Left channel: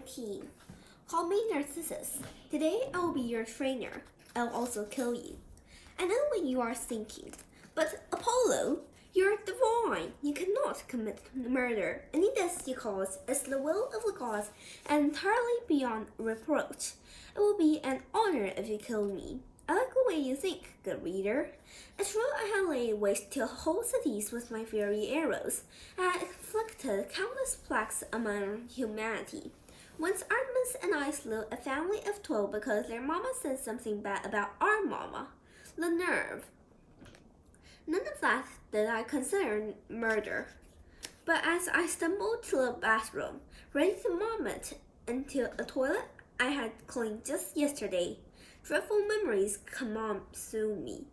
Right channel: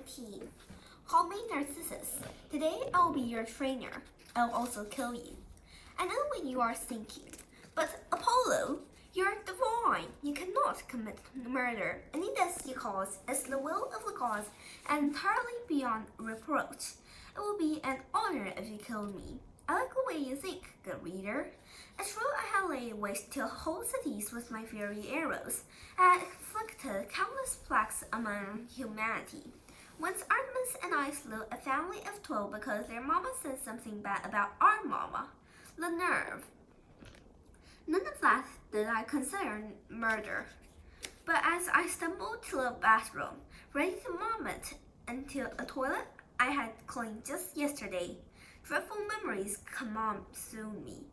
19. Call me Narcissus. Today I will be your trainer. I'll also kill you. I know what you are thinking, but Apollo, you're divine. You cannot commit murder. Any death you cause is the will of the gods and entirely beyond reproach. It will be an honor if you kill me. I like the way you think, good reader. It's true I have laid waste to whole cities with my fiery arrows. I have inflicted countless plagues among humanity. Once Artemis and I slew a family of 12 because their mama said something bad about our mama. The nerve. None of that did I consider murder. But as I stumbled to the bathroom, ready to vomit into a toilet I had cleaned just yesterday, dreadful memories consumed me.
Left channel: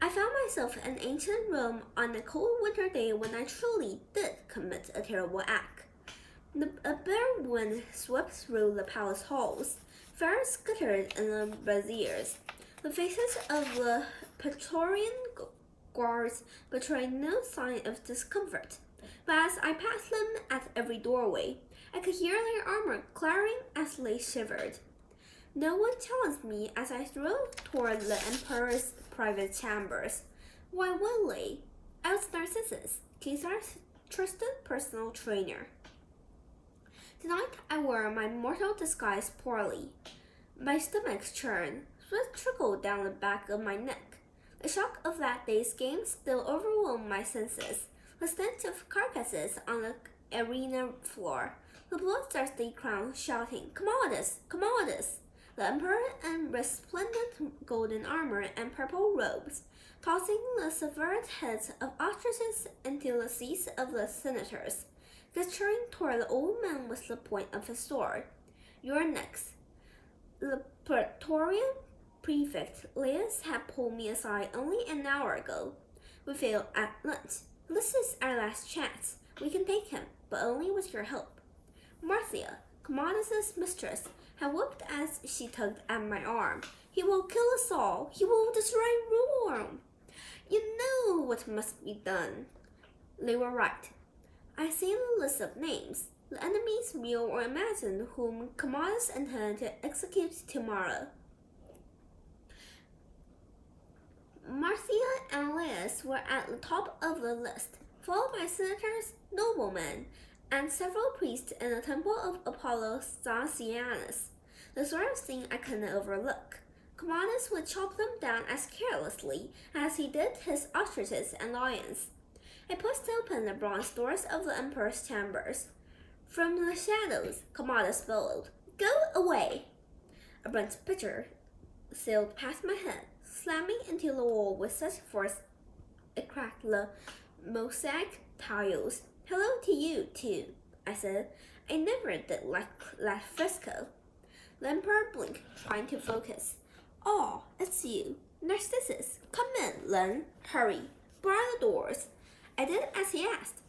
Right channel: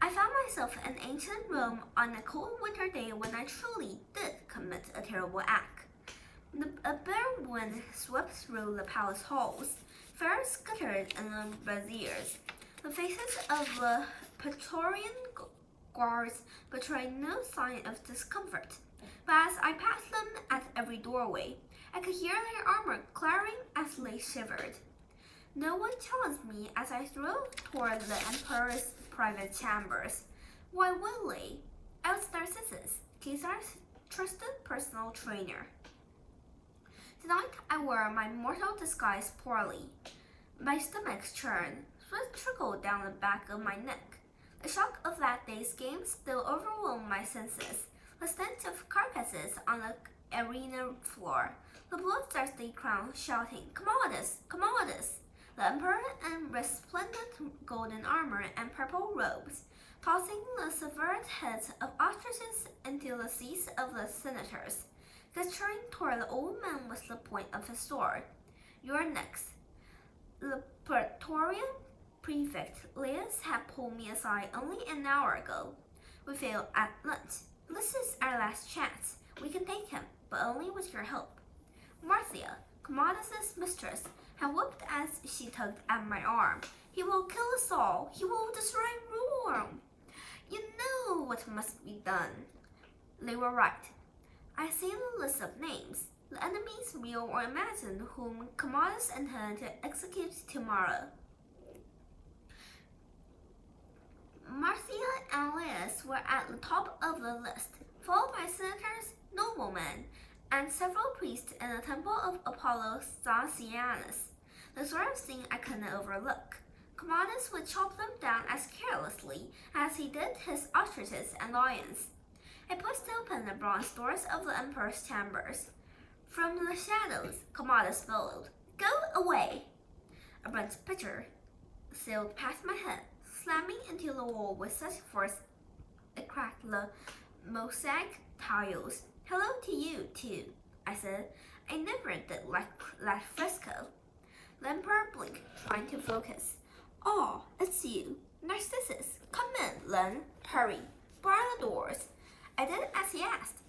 I found myself in ancient Rome on a cold winter day when I truly did commit a terrible act. A bitter wind swept through the palace halls. Fire scattered in the braziers. The faces of the Praetorian guards betrayed no sign of discomfort, but as I passed them at every doorway, I could hear their armor clattering as they shivered. No one challenged me as I strode toward the Emperor's private chambers. Why would they? I was Narcissus, Caesar's trusted personal trainer. Tonight I wore my mortal disguise poorly. My stomach churned, sweat trickled down the back of my neck. The shock of that day's game still overwhelmed my senses. The stench of carcasses on the arena floor, the bloodthirsty crowd shouting, Commodus! Commodus! The emperor in resplendent golden armor and purple robes, tossing the severed heads of ostriches into the seats of the senators, gesturing toward the old man with the point of his sword. You're next. The Praetorian prefect Laius had pulled me aside only an hour ago. We failed at lunch. This is our last chance. We can take him, but only with your help. Marcia, Commodus's mistress, had whooped as she tugged at my arm. He will kill us all. He will destroy Rome. You know what must be done. They were right. I see the list of names. The enemies, real or imagined, whom Commodus intended to execute tomorrow. Marcia and Laius were at the top of the list, followed by senators, noblemen, and several priests in the temple of Apollo Statianus. The sort of thing I couldn't overlook. Commodus would chop them down as carelessly as he did his ostriches and lions. I pushed open the bronze doors of the emperor's chambers. From the shadows, Commodus bellowed, Go away! A bronze pitcher sailed past my head, slamming into the wall with such force it cracked the mosaic tiles. Hello to you, too, I said. I never did like that fresco. The emperor blinked, trying to focus. Oh, it's you. Narcissus, come in, then. Hurry, bar the doors. I did as he asked.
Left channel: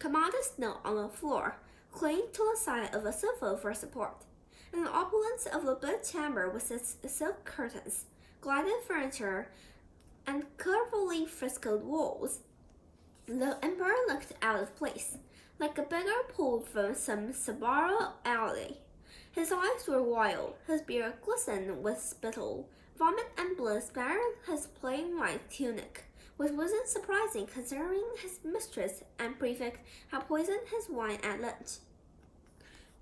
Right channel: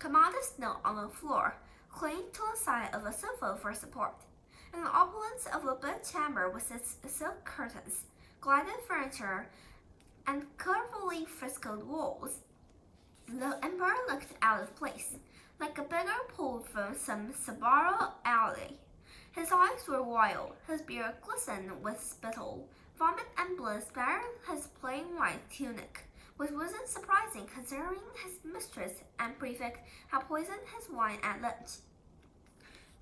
Commodus knelt on the floor, clinging to the side of a sofa for support. In the opulence of the bed chamber with its silk curtains, gilded furniture, and carefully frescoed walls, the emperor looked out of place, like a beggar pulled from some Sbarro alley. His eyes were wild, his beard glistened with spittle. Vomit and blood spattered his plain white tunic, which wasn't surprising considering his mistress and prefect had poisoned his wine at lunch.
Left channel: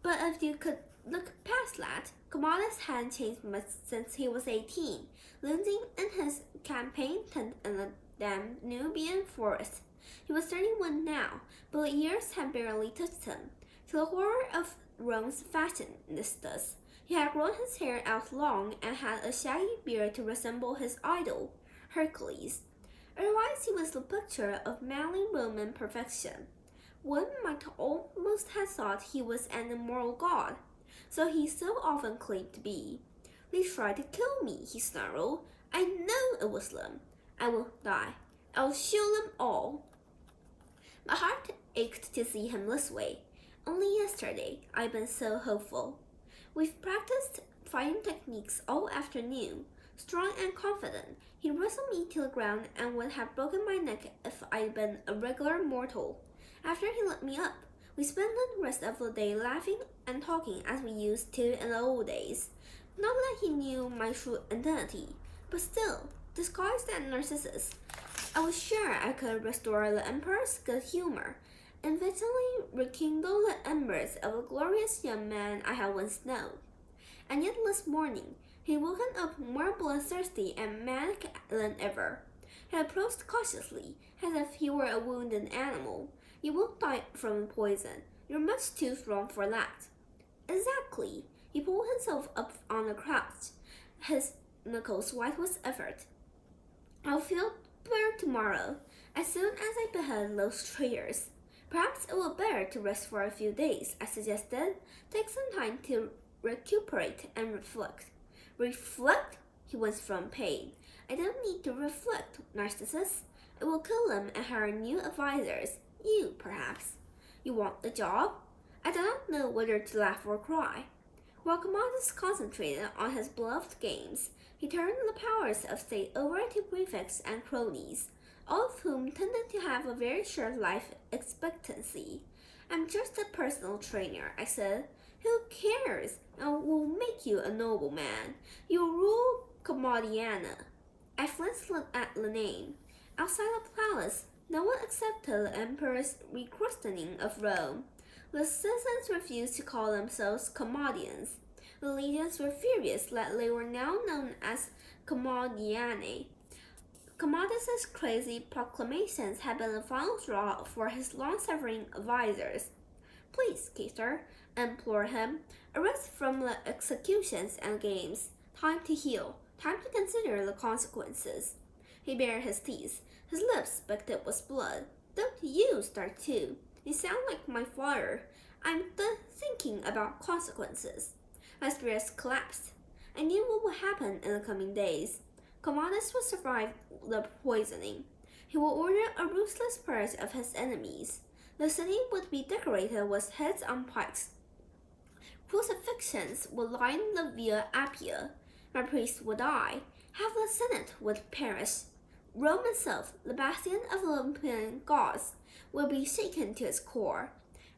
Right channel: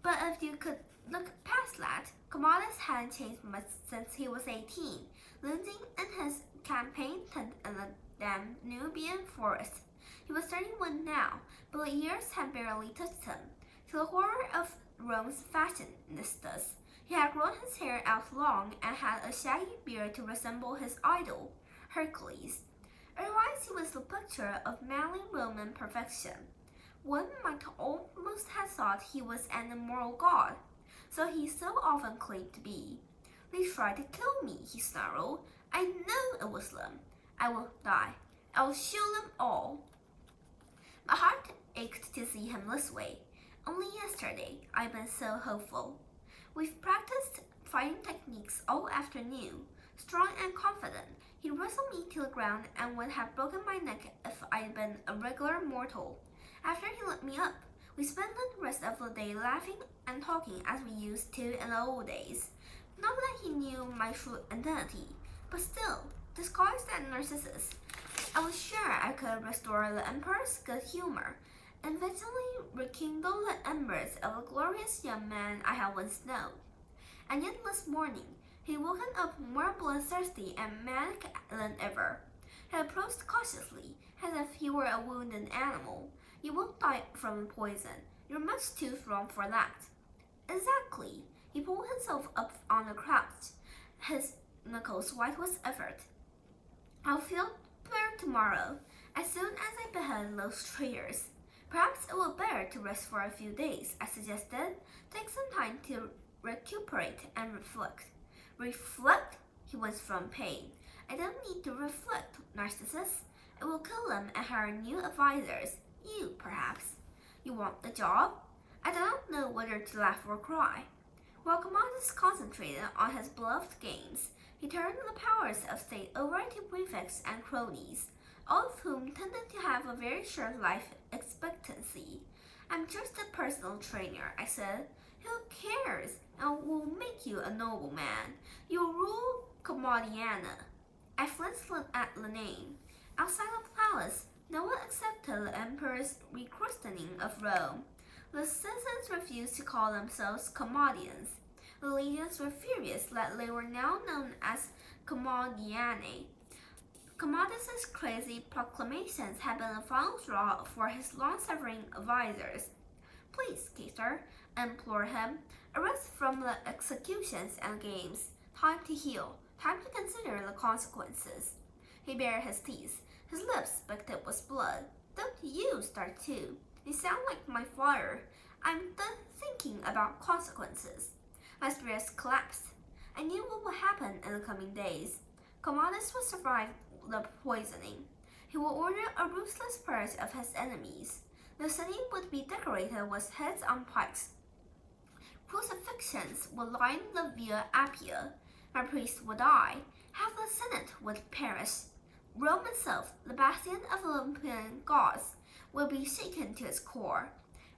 But if you could look past that, Commodus hadn't changed much since he was 18, living in his campaign tent in the Danubian forest. He was 31 now, but the years had barely touched him. To the horror of Rome's fashionistas, he had grown his hair out long and had a shaggy beard to resemble his idol, Hercules. Otherwise, he was the picture of manly Roman perfection. One might almost have thought he was an immortal god, so he so often claimed to be. They tried to kill me, he snarled. I know it was them. I won't die. I'll shield them all. My heart ached to see him this way. Only yesterday, I'd been so hopeful. We've practiced fighting techniques all afternoon. Strong and confident, he wrestled me to the ground and would have broken my neck if I'd been a regular mortal. After he let me up, We spent the rest of the day laughing and talking as we used to in the old days. Not that he knew my true identity, but still, disguised as Narcissus, I was sure I could restore the Emperor's good humor and eventually rekindle the embers of a glorious young man I had once known. And yet this morning, he woken up more bloodthirsty and manic than ever. He approached cautiously, as if he were a wounded animal. You won't die from poison. You're much too strong for that. Exactly. He pulled himself up on a crouch, his knuckles white with effort. I'll feel better tomorrow, as soon as I behead those traitors. Perhaps it would be better to rest for a few days, I suggested. Take some time to recuperate and reflect. Reflect? He was from pain. I don't need to reflect, Narcissus. It will kill them and hire new advisors. You, perhaps. You want the job? I do not know whether to laugh or cry. While Commodus concentrated on his beloved games, he turned the powers of state over to prefects and cronies, all of whom tended to have a very short life expectancy. I'm just a personal trainer, I said. Who cares? I will make you a nobleman. You'll rule Commodiana. I flinched at the name. Outside the palace, no one accepted the emperor's rechristening of Rome. The citizens refused to call themselves Commodians. The legions were furious that they were now known as Commodianae. Commodus's crazy proclamations had been the final straw for his long-suffering advisors. Please, Caesar, I implored him, arrest from the executions and games. Time to heal. Time to consider the consequences. He bared his teeth. His lips speckled with blood. Don't you start too. You sound like my father. I'm thinking about consequences. My spirits collapsed. I knew what would happen in the coming days. Commodus would survive the poisoning. He would order a ruthless purge of his enemies. The city would be decorated with heads on pikes. Crucifixions would line the Via Appia. My priests would die. Half the Senate would perish. Rome itself, the bastion of the Olympian gods, would be shaken to its core,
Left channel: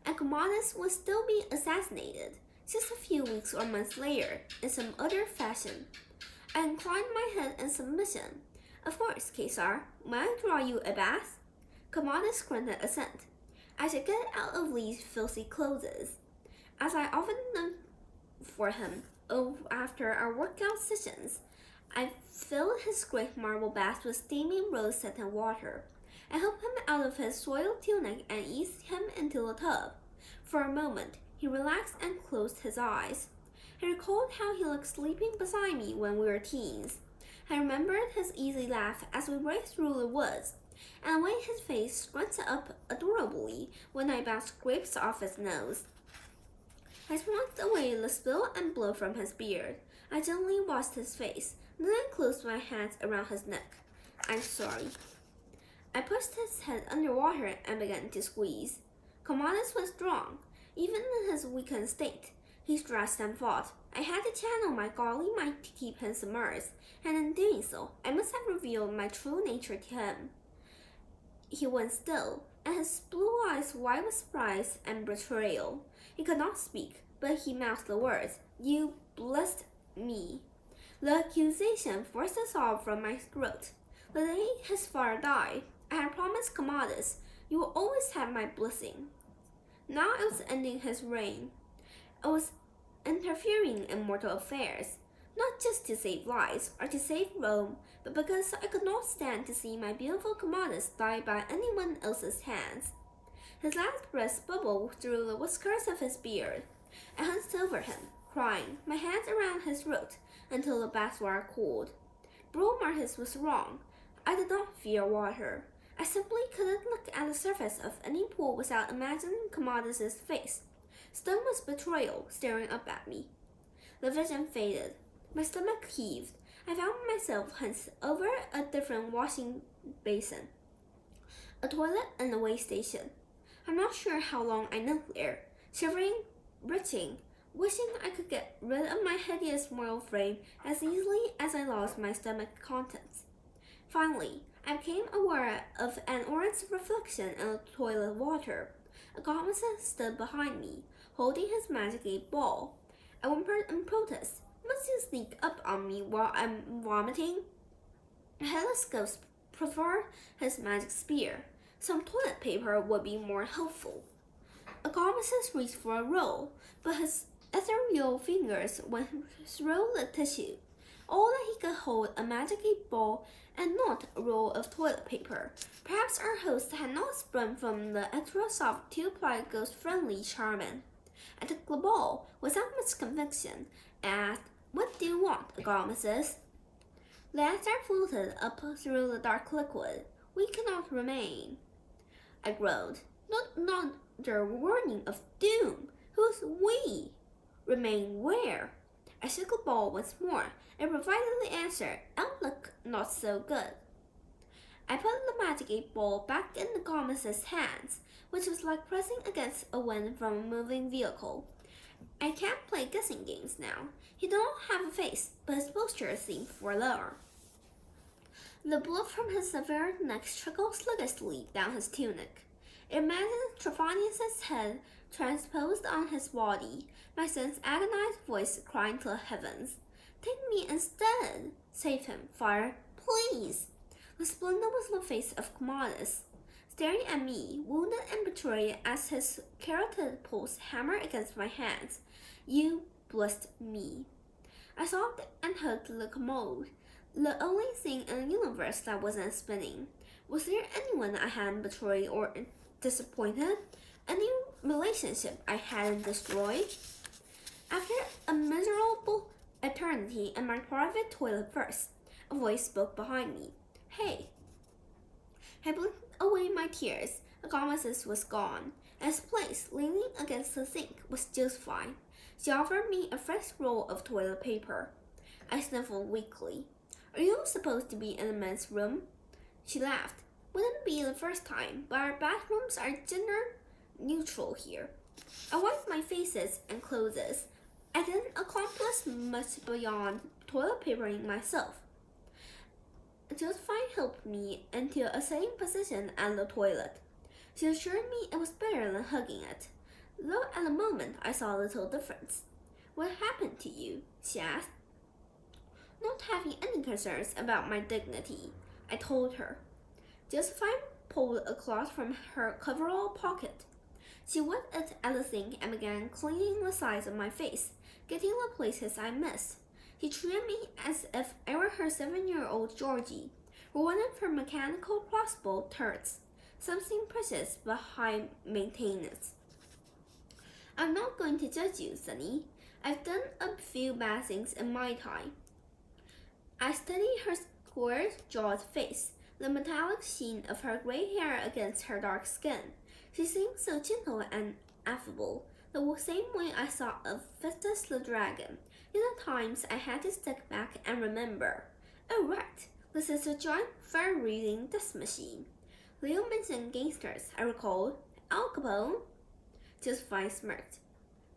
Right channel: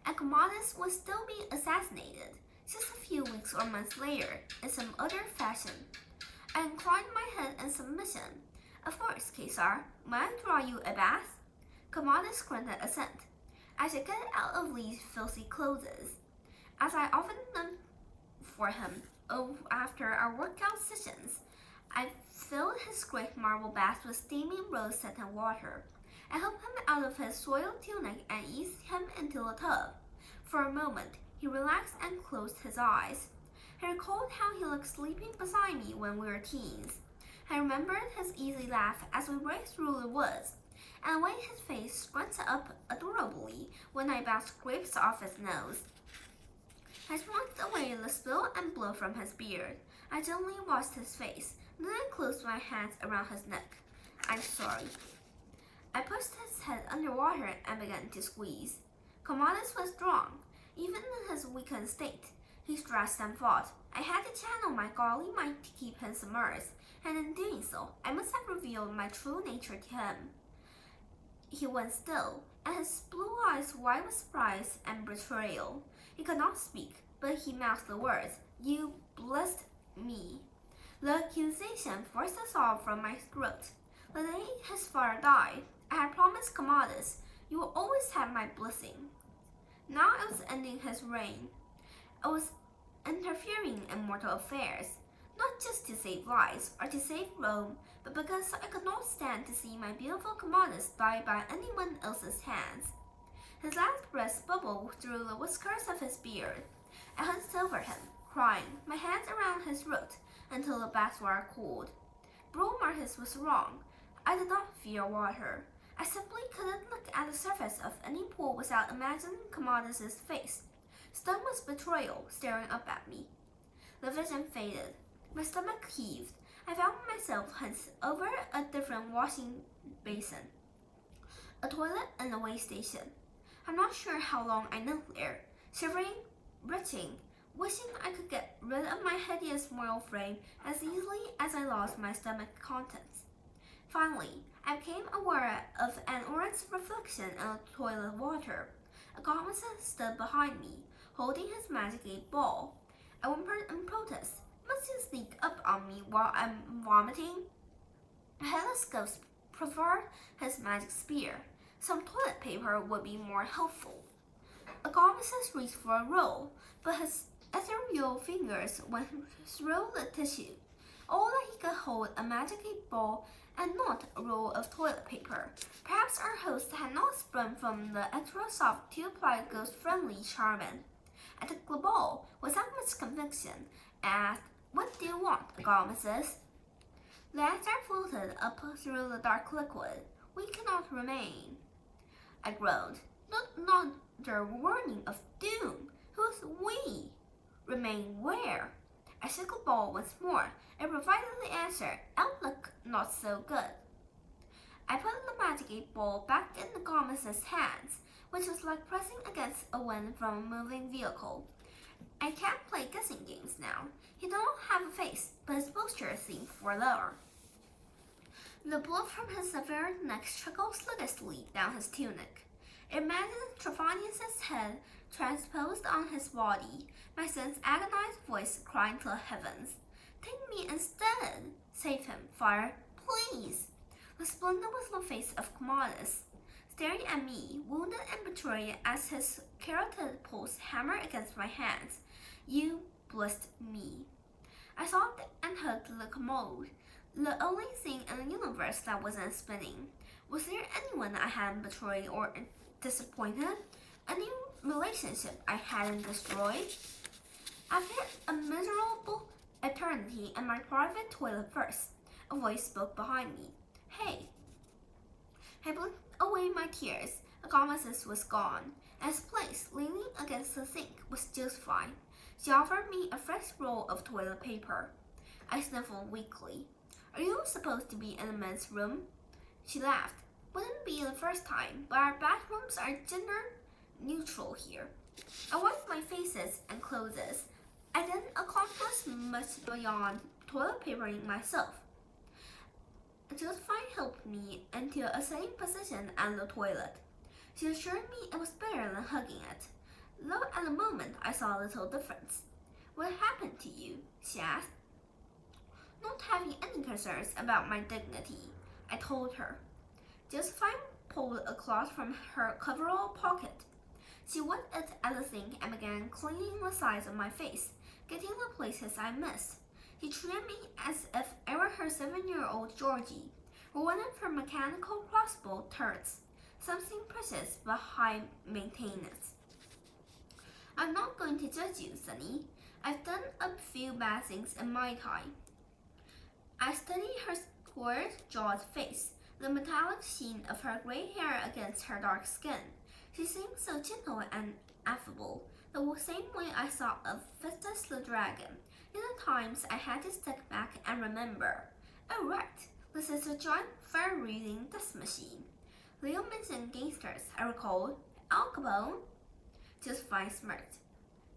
and Commodus would still be assassinated, just a few weeks or months later, in some other fashion. I inclined my head in submission. Of course, Caesar, may I draw you a bath? Commodus grunted assent. I should get out of these filthy clothes. As I often done for him after our workout sessions, I filled his great marble bath with steaming rose-scented water. I helped him out of his soiled tunic and eased him into the tub. For a moment, he relaxed and closed his eyes. I recalled how he looked sleeping beside me when we were teens. I remembered his easy laugh as we raced through the woods, and the way his face scrunted up adorably when I bounced grapes off his nose. I swathed away the spill and blood from his beard. I gently washed his face, then I closed my hands around his neck. I'm sorry. I pushed his head underwater and began to squeeze. Commodus was strong, even in his weakened state. He stretched and fought. I had to channel my godly might to keep him submerged, and in doing so, I must have revealed my true nature to him. He went still, and his blue eyes wide with surprise and betrayal. He could not speak, but he mouthed the words, You blessed me. The accusation forced a sob from my throat. The day his father died, I had promised Commodus, You will always have my blessing. Now I was ending his reign. I was interfering in mortal affairs, not just to save lives or to save Rome, but because I could not stand to see my beautiful Commodus die by anyone else's hands. His last breath bubbled through the whiskers of his beard. I hunched over him, crying, my hands around his throat, until the bath water cooled. Bro Marcus was wrong. I did not fear water. I simply couldn't look at the surface of any pool without imagining Commodus's face, stunned with betrayal, staring up at me. The vision faded. My stomach heaved. I found myself hunched over a different washing basin, a toilet, and a way station. I'm not sure how long I knelt there, shivering, retching, wishing I could get rid of my hideous mortal frame as easily as I lost my stomach contents. Finally, I became aware of an orange reflection in the toilet water. Agamemnon stood behind me, holding his magic 8-ball. I whimpered in protest. Must you sneak up on me while I'm vomiting? Helicopes preferred his magic spear. Some toilet paper would be more helpful. Agamemnon reached for a roll, but his ethereal fingers went through the tissue. All that he could hold a magic 8-ball and not a roll of toilet paper. Perhaps our host had not sprung from the extra soft two-ply ghost-friendly charmin. I took the ball without much conviction and asked, "What do you want, Agamemnon?" The answer floated up through the dark liquid. "We cannot remain." I groaned. Not another warning of doom. Who's we? Remain where? I shook the ball once more. It provided the answer. Outlook not so good. I put the magic 8-ball back in the Agamemnon's hands, which was like pressing against a wind from a moving vehicle. I can't play guessing games now. He did not have a face, but his posture seemed forlorn. The blood from his severed neck trickled sluggishly down his tunic. Imagine Trophonius' head transposed on his body, my son's agonized voice crying to the heavens. "Take me instead! Save him, fire, please!" The splendor was the face of Commodus, staring at me, wounded and betrayed as his carotid pulse hammered against my hands. "You blessed me." I sobbed and hugged the commode, the only thing in the universe that wasn't spinning. Was there anyone I hadn't betrayed or disappointed? Any relationship I hadn't destroyed? After a miserable eternity in my private toilet first, a voice spoke behind me. "Hey." I blinked away my tears. Agamemnon was gone. In his place, leaning against the sink, was Josephine. She offered me a fresh roll of toilet paper. I sniffled weakly. "Are you supposed to be in the men's room?" She laughed. "Wouldn't be the first time, but our bathrooms are gender neutral here." I wiped my faces and clothes. I didn't accomplish much beyond toilet papering myself. Josephine helped me into a sitting position at the toilet. She assured me it was better than hugging it, though at the moment I saw little difference. "What happened to you?" she asked. Not having any concerns about my dignity, I told her. Josephine pulled a cloth from her coverall pocket. She wiped it at the sink and began cleaning the sides of my face, getting the places I missed. She treated me as if I were her 7-year-old Georgie, or one of her mechanical crossbow turrets, something precious but high maintenance. "I'm not going to judge you, Sonny. I've done a few bad things in my time." I studied her square-jawed face, the metallic sheen of her gray hair against her dark skin. She seemed so gentle and affable, the same way I saw of Festus the dragon. In the times I had to step back and remember. "Oh right, this is a giant fur-reading death machine." Leo mentioned gangsters, I recalled. "Al Capone?" Josephine smirked.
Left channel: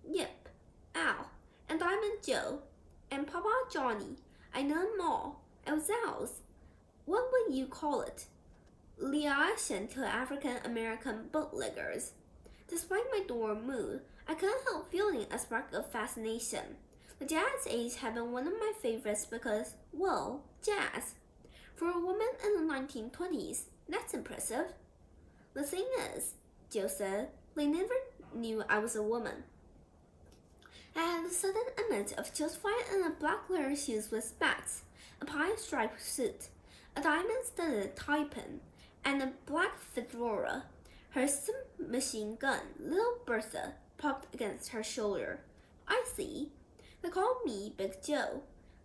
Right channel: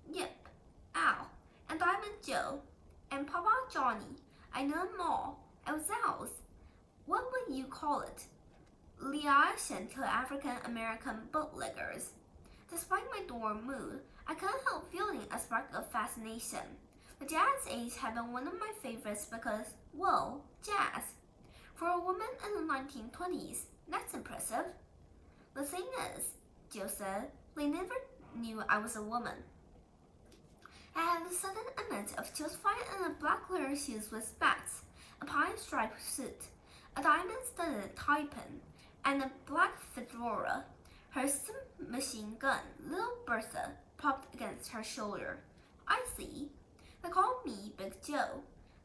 "Yep, Al, and Diamond Joe, and Papa Johnny. I know them all. I was Al's. What would you call it? Liaison to African-American bootleggers." Despite my dorm mood, I couldn't help feeling a spark of fascination. The jazz age had been one of my favorites because, well, jazz. For a woman in the 1920s, that's impressive. "The thing is," Joe said, "they never knew I was a woman." I had a sudden image of Josephine in a black leather shoes with spats, a pine-striped suit, a diamond-studded tie pin, and a black fedora. Her submachine gun, little Bertha, propped against her shoulder. "I see." They called me Big Joe.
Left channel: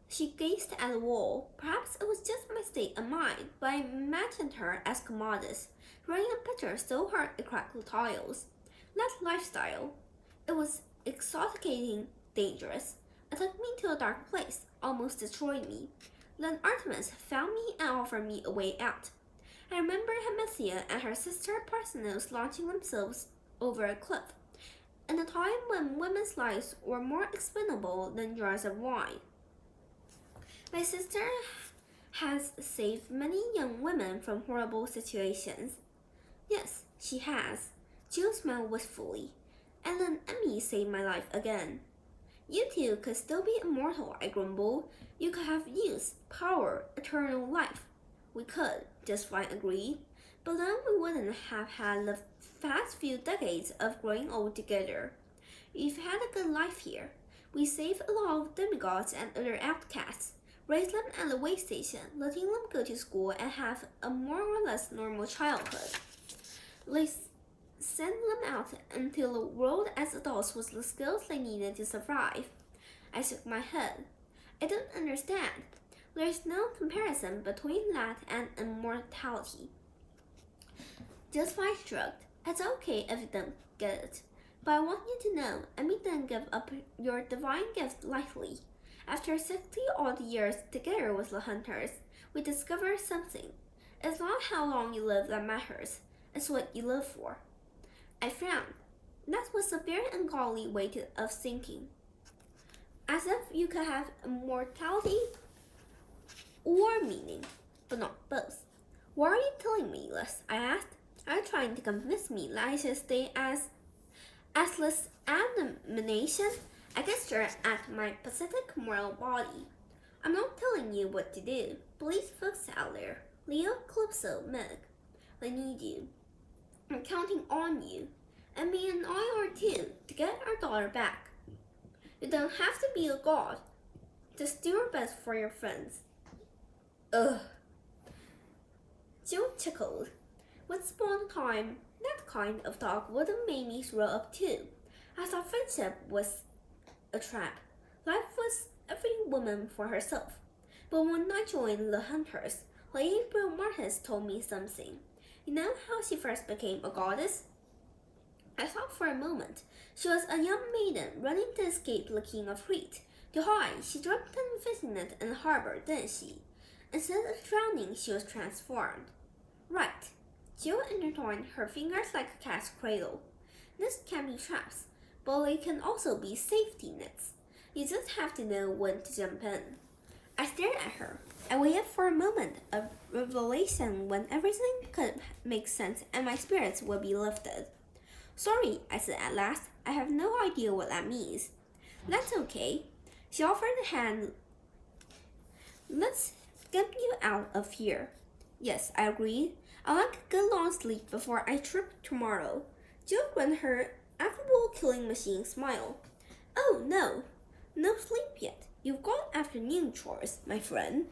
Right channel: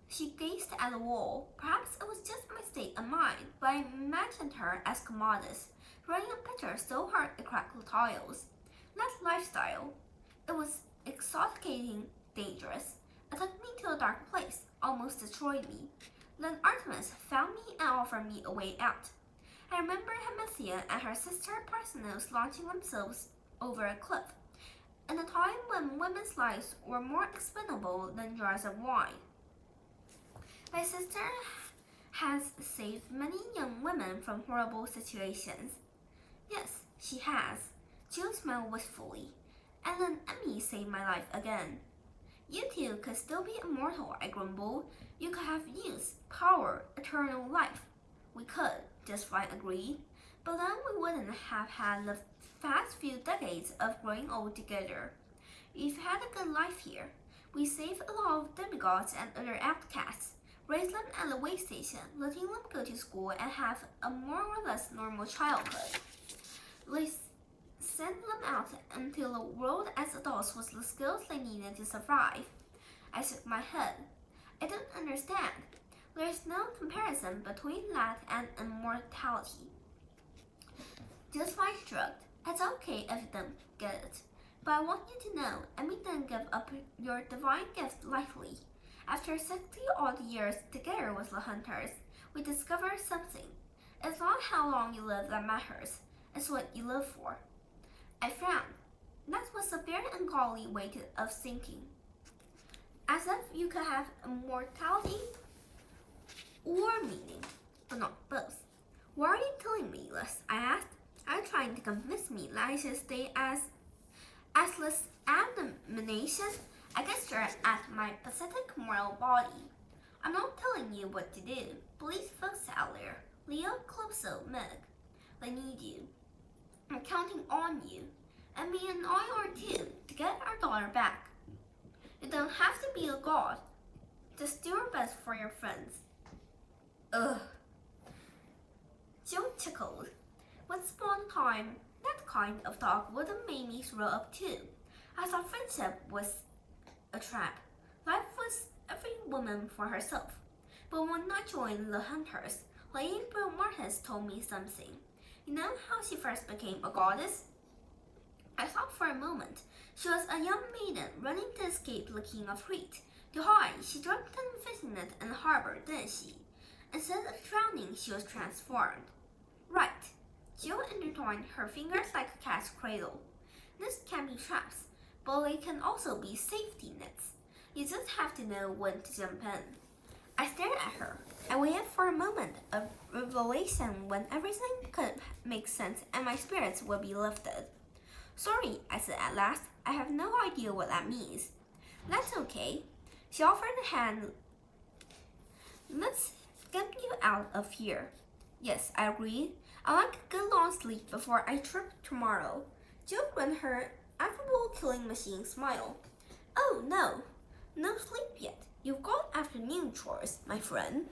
She gazed at the wall. Perhaps it was just my state of mind, but I imagined her as Commodus, throwing a pitcher so hard it cracked the tiles. That lifestyle. It was exoticating, dangerous. It took me to a dark place, almost destroyed me. Then Artemis found me and offered me a way out. I remember Hemisia and her sister Parthenos launching themselves over a cliff, in a time when women's lives were more expendable than jars of wine. My sister has saved many young women from horrible situations. Yes, she has. Jill smiled wistfully. And then Emmy saved my life again. You two could still be immortal, I grumbled. You could have youth, power, eternal life. We could, Just Fine agreed. But then we wouldn't have had the past few decades of growing old together. We've had a good life here. We saved a lot of demigods and other outcasts, raised them at the way station, letting them go to school and have a more or less normal childhood. We sent them out into the world as adults with the skills they needed to survive. I shook my head. I don't understand. There's no comparison between that and immortality. Just Fine shrugged. It's okay if you don't get it. But I want you to know, Emmy didn't give up your divine gift lightly. After 60-odd years together with the Hunters, we discovered something. It's not how long you live that matters. It's what you live for. I frowned. That was a very ungodly way of thinking. As if you could have immortality or meaning, but not both. Why are you telling me this? I asked. Are you trying to convince me that I should stay as this abomination? I gestured at my pathetic moral body. I'm not telling you what to do. Please, folks out there, Leo, Calypso, Meg, they need you. I'm counting on you, and me and I are too, to get our daughter back. You don't have to be a god. Just do your best for your friends. Ugh. Jill chuckled. Once upon a time, that kind of talk would have made me throw up too. I thought friendship was a trap. Life was every woman for herself. But when I joined the Hunters, Lady Martis told me something. You know how she first became a goddess? I thought for a moment. She was a young maiden running to escape the king of Crete. To hide, she dreamt of visiting it in the harbor, didn't she? Instead of drowning, she was transformed. Right. Jill intertwined her fingers like a cat's cradle. This can be traps, but they can also be safety nets. You just have to know when to jump in. I stared at her. I waited for a moment of revelation when everything could make sense and my spirits would be lifted. Sorry, I said at last. I have no idea what that means. That's okay. She offered a hand. Let's get you out of here. Yes, I agreed. I'd like a good long sleep before I trip tomorrow. Jill grinned her affable killing machine smile. Oh no sleep yet. You've got afternoon chores, my friend.